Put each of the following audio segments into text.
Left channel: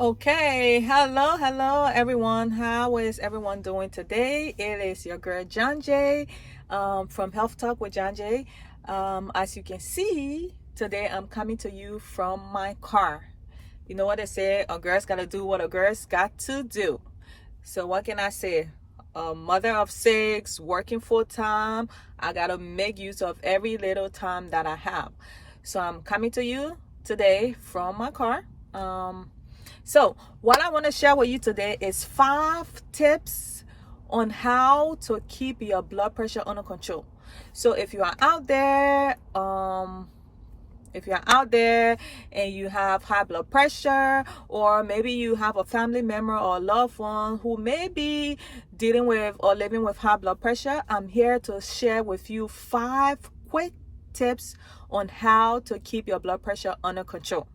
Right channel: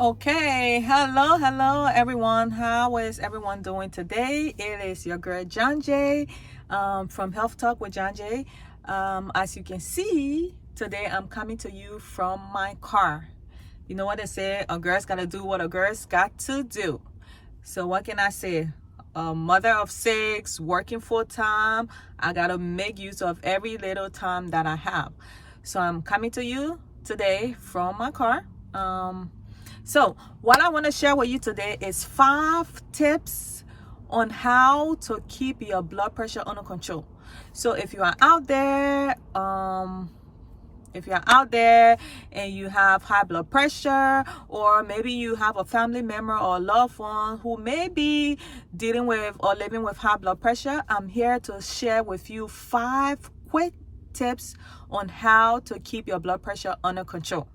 Okay, hello everyone. How is everyone doing today? It is your girl John Jay from Health Talk with John Jay. As you can see, today I'm coming to you from my car. You know what they say, a girl's got to do what a girl's got to do. So what can I say? A mother of six, working full time. I got to make use of every little time that I have. So I'm coming to you today from my car. So what I want to share with you today is 5 tips on how to keep your blood pressure under control. So if you are out there, and you have high blood pressure, or maybe you have a family member or a loved one who may be dealing with or living with high blood pressure, I'm here to share with you 5 quick tips on how to keep your blood pressure under control.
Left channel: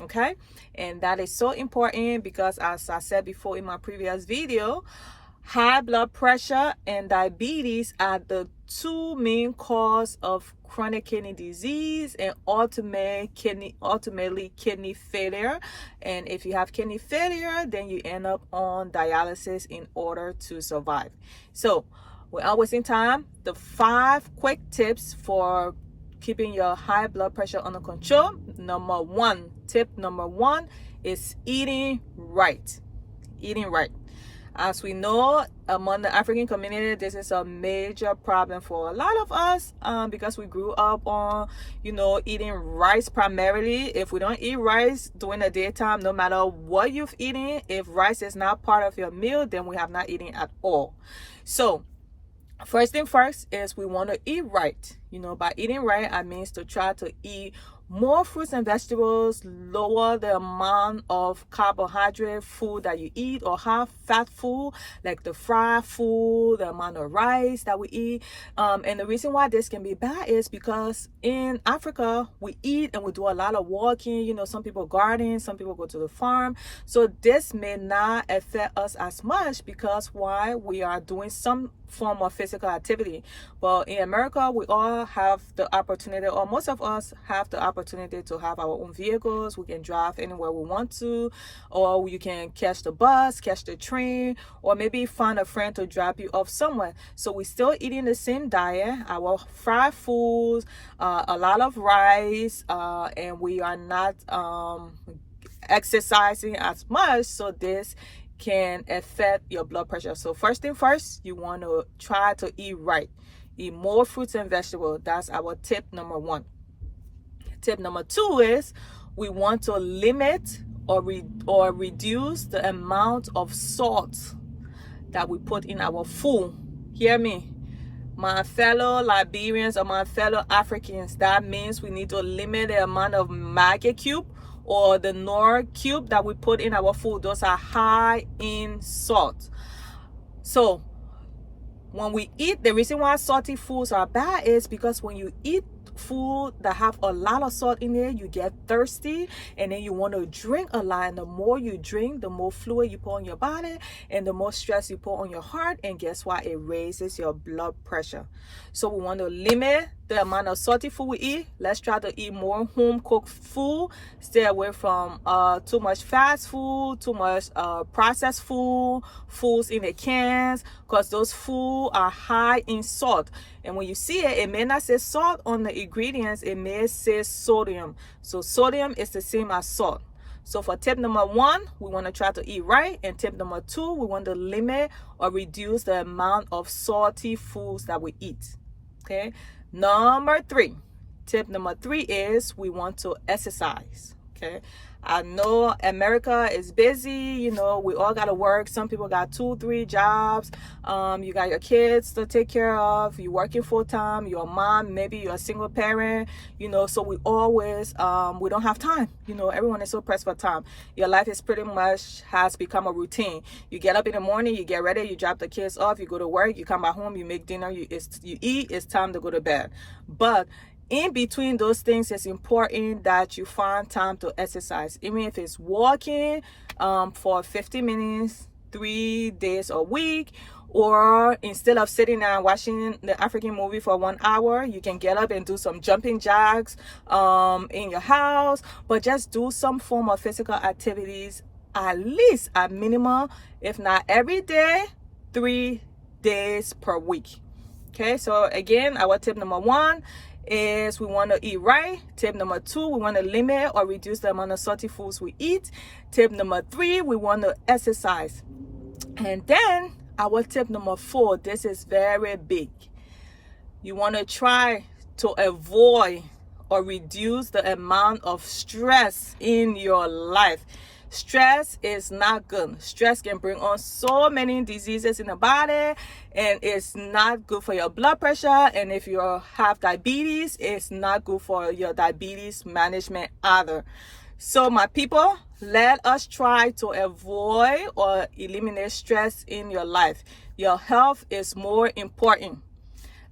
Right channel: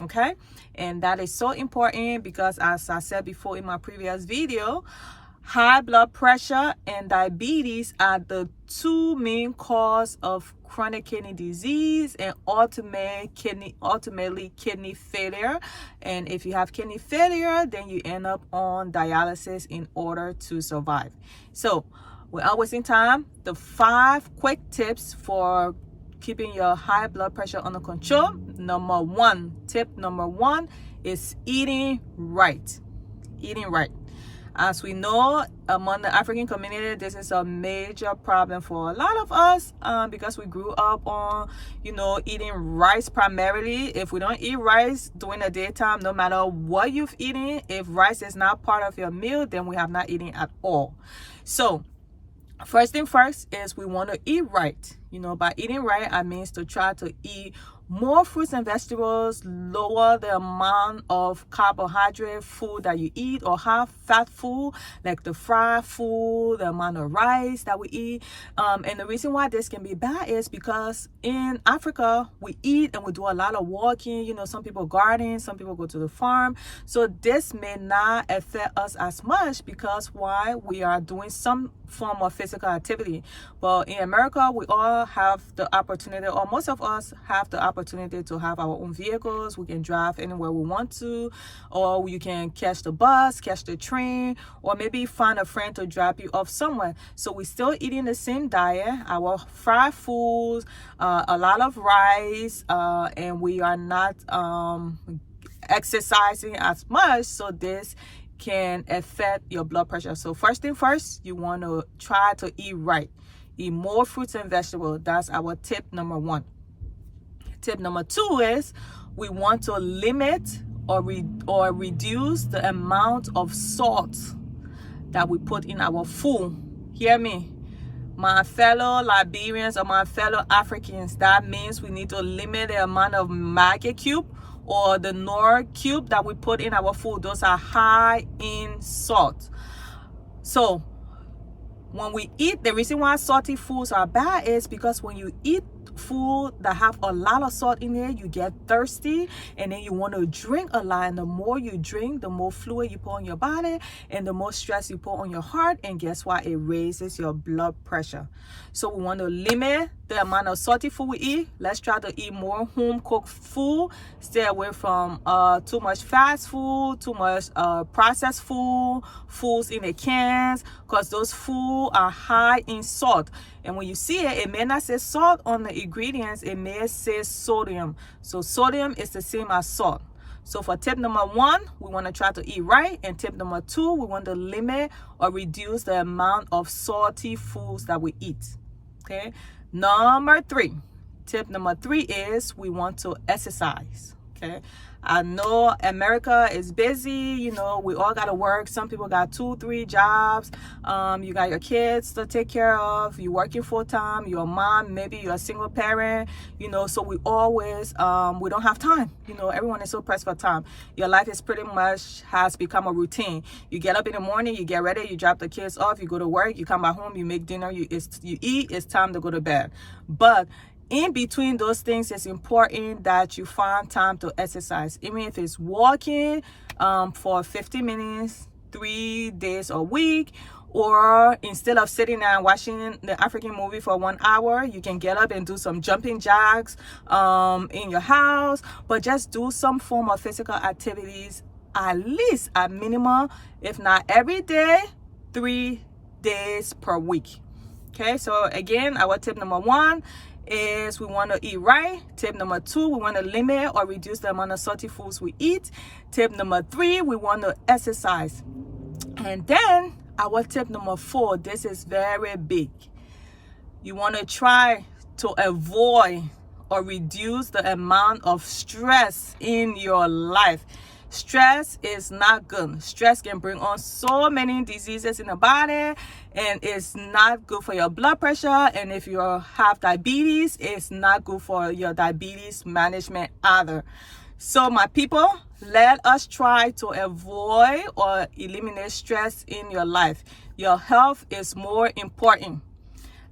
Okay, and that is so important because, as I said before in my previous video, high blood pressure and diabetes are the 2 main cause of chronic kidney disease and ultimately kidney failure. And if you have kidney failure, then you end up on dialysis in order to survive. So without wasting time, the 5 quick tips for keeping your high blood pressure under control. Tip number one is eating right. Eating right. As we know, among the African community, this is a major problem for a lot of us because we grew up on, eating rice primarily. If we don't eat rice during the daytime, no matter what you've eaten, if rice is not part of your meal, then we have not eaten at all. So first thing first is we want to eat right. By eating right, I mean to try to eat more fruits and vegetables, lower the amount of carbohydrate food that you eat, or high fat food like the fried food, the amount of rice that we eat. And the reason why this can be bad is because in Africa we eat and we do a lot of walking. Some people garden, some people go to the farm, so this may not affect us as much because why, we are doing some form of physical activity. But in America, we all have the opportunity, or most of us have the opportunity, to have our own vehicles. We can drive anywhere we want to, or you can catch the bus, catch the train, or maybe find a friend to drop you off somewhere. So we're still eating the same diet, our fried foods, a lot of rice, and we are not exercising as much, so this can affect your blood pressure. So first thing first, you want to try to eat right. Eat more fruits and vegetables. That's our tip number 1. Tip number 2 is we want to limit or reduce the amount of salt that we put in our food. Hear me, my fellow Liberians or my fellow Africans. That means we need to limit the amount of maggi cube or the Knorr cube that we put in our food. Those are high in salt. So when we eat, the reason why salty foods are bad is because when you eat food that have a lot of salt in there, you get thirsty, and then you want to drink a lot, and the more you drink, the more fluid you put on your body, and the more stress you put on your heart, and guess what? It raises your blood pressure. So we want to limit the amount of salty food we eat. Let's try to eat more home cooked food. Stay away from too much fast food, too much processed foods in the cans, because those food are high in salt. And when you see it, it may not say salt on the ingredients, it may say sodium. So sodium is the same as salt. So for tip number 1, we want to try to eat right. And tip number 2, we want to limit or reduce the amount of salty foods that we eat. Okay. Tip number 3 is we want to exercise. Okay. I know America is busy, we all got to work. Some people got 2-3 jobs. You got your kids to take care of. You're working full time. You're a mom, maybe you're a single parent, so we always, we don't have time. Everyone is so pressed for time. Your life is pretty much has become a routine. You get up in the morning, you get ready, you drop the kids off, you go to work, you come back home, you make dinner, you eat, it's time to go to bed. But in between those things, it's important that you find time to exercise, even if it's walking for 50 minutes 3 days a week, or instead of sitting there and watching the African movie for 1 hour, you can get up and do some jumping jacks in your house, but just do some form of physical activities at least, at minimum, if not every day, 3 days per week. Okay, so again, our tip number 1 is we want to eat right. Tip number 2, we want to limit or reduce the amount of salty foods we eat. Tip number 3, we want to exercise. And then our tip number 4, this is very big. You want to try to avoid or reduce the amount of stress in your life. Stress is not good. Stress can bring on so many diseases in the body, and it's not good for your blood pressure. And if you have diabetes, it's not good for your diabetes management either. So my people, let us try to avoid or eliminate stress in your life. Your health is more important.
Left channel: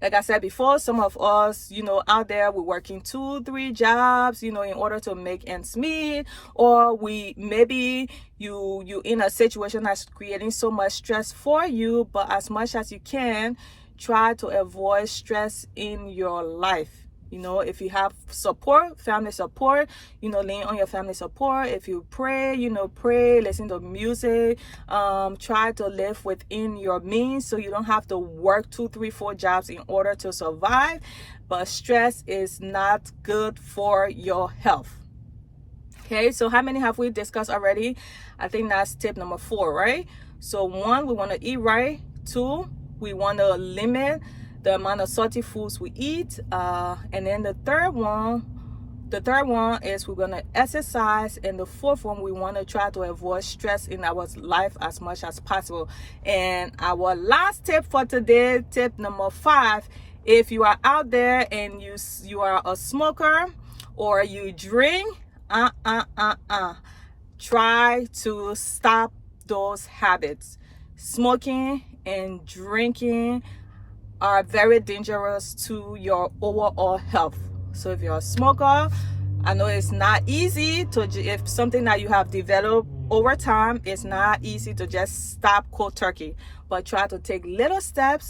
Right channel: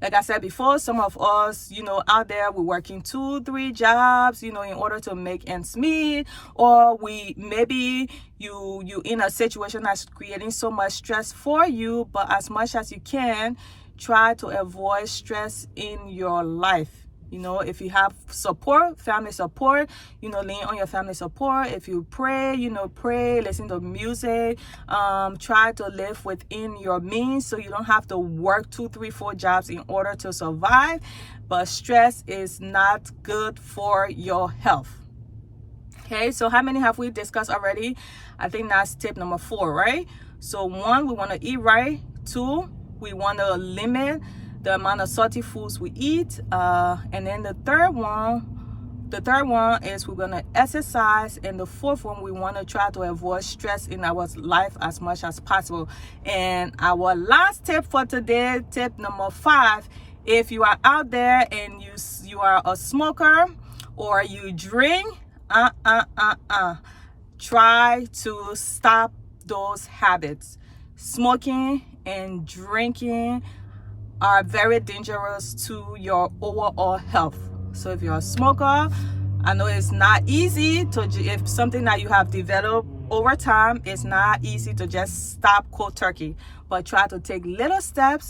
Like I said before, some of us, out there, we're working 2-3 jobs, in order to make ends meet, or maybe you in a situation that's creating so much stress for you, but as much as you can, try to avoid stress in your life. If you have support, family support, lean on your family support. If you pray, pray, listen to music, try to live within your means so you don't have to work 2, 3, 4 jobs in order to survive. But stress is not good for your health. Okay, so how many have we discussed already? I think that's tip number 4, right? So 1, we want to eat right. 2, we want to limit the amount of salty foods we eat, and then the third one is we're gonna exercise, and the 4th one, we want to try to avoid stress in our life as much as possible. And our last tip for today, tip number 5, if you are out there and you are a smoker or you drink, try to stop those habits. Smoking and drinking are very dangerous to your overall health. So if you're a smoker, I know it's not easy if something that you have developed over time, it's not easy to just stop cold turkey, but try to take little step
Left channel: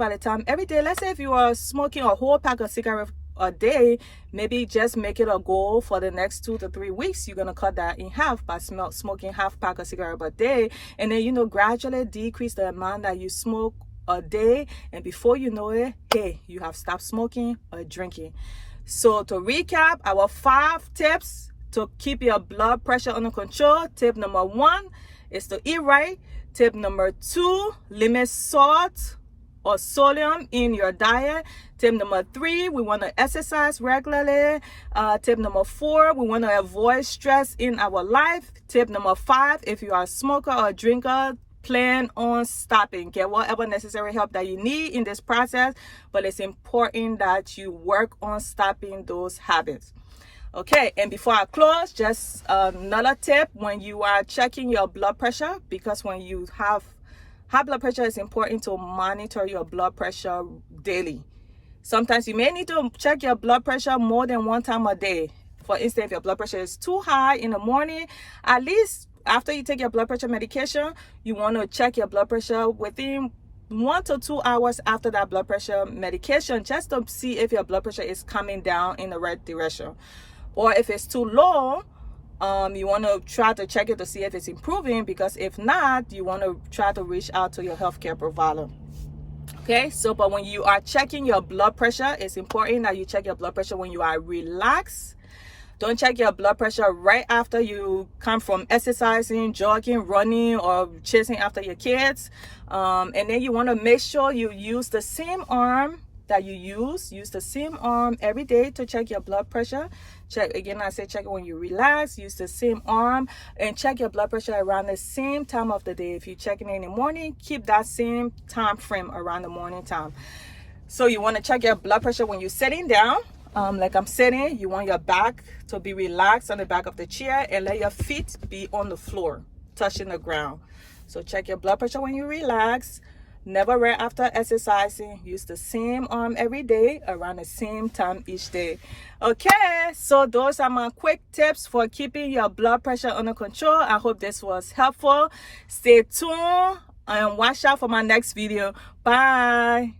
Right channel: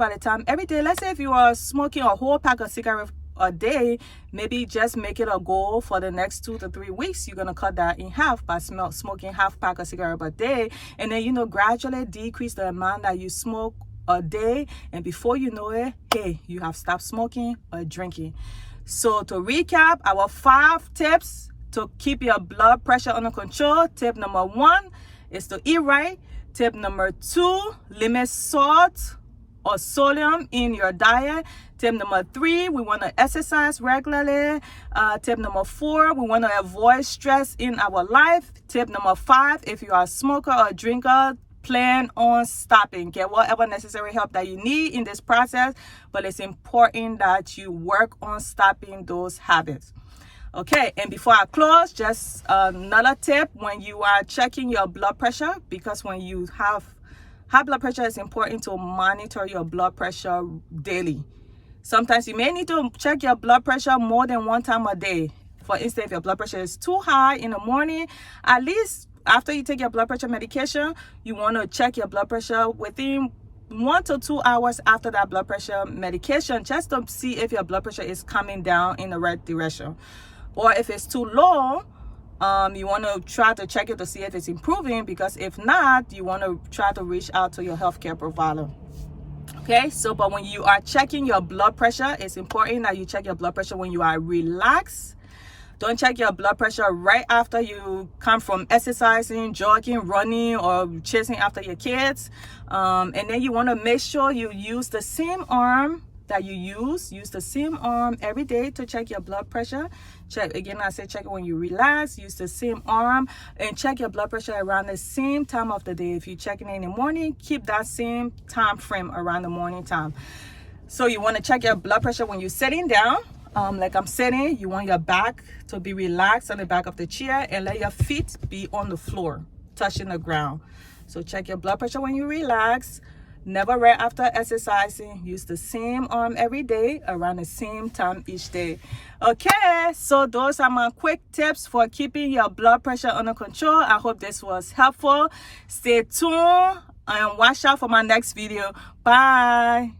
at a time every day. Let's say if you are smoking a whole pack of cigarettes a day, maybe just make it a goal for the next 2 to 3 weeks. You're gonna cut that in half by smoking half pack of cigarettes a day, and then gradually decrease the amount that you smoke a day, and before you know it, hey, you have stopped smoking or drinking. So to recap, our 5 tips to keep your blood pressure under control. Tip number 1 is to eat right. Tip number 2, limit salt or sodium in your diet. Tip number 3, we want to exercise regularly. Tip number 4, we want to avoid stress in our life. Tip number 5, if you are a smoker or a drinker, plan on stopping. Get whatever necessary help that you need in this process, but it's important that you work on stopping those habits. Okay, and before I close, just another tip when you are checking your blood pressure, because when you have high blood pressure, it's important to monitor your blood pressure daily. Sometimes you may need to check your blood pressure more than 1 time a day. For instance, if your blood pressure is too high in the morning, at least after you take your blood pressure medication, you want to check your blood pressure within 1 to 2 hours after that blood pressure medication, just to see if your blood pressure is coming down in the right direction. Or if it's too low, you want to try to check it to see if it's improving, because if not, you want to try to reach out to your healthcare provider. Okay, so but when you are checking your blood pressure, it's important that you check your blood pressure when you are relaxed. Don't check your blood pressure right after you come from exercising, jogging, running, or chasing after your kids. And then you want to make sure you use the same arm that you use the same arm every day to check your blood pressure. Check again, I say check it when you relax, use the same arm, and check your blood pressure around the same time of the day. If you're checking it in the morning, keep that same time frame around the morning time. So you want to check your blood pressure when you're sitting down. Like I'm sitting, you want your back to be relaxed on the back of the chair, and let your feet be on the floor, touching the ground. So check your blood pressure when you relax. Never right after exercising. Use the same arm every day around the same time each day. Okay, so those are my quick tips for keeping your blood pressure under control. I hope this was helpful. Stay tuned and watch out for my next video. Bye.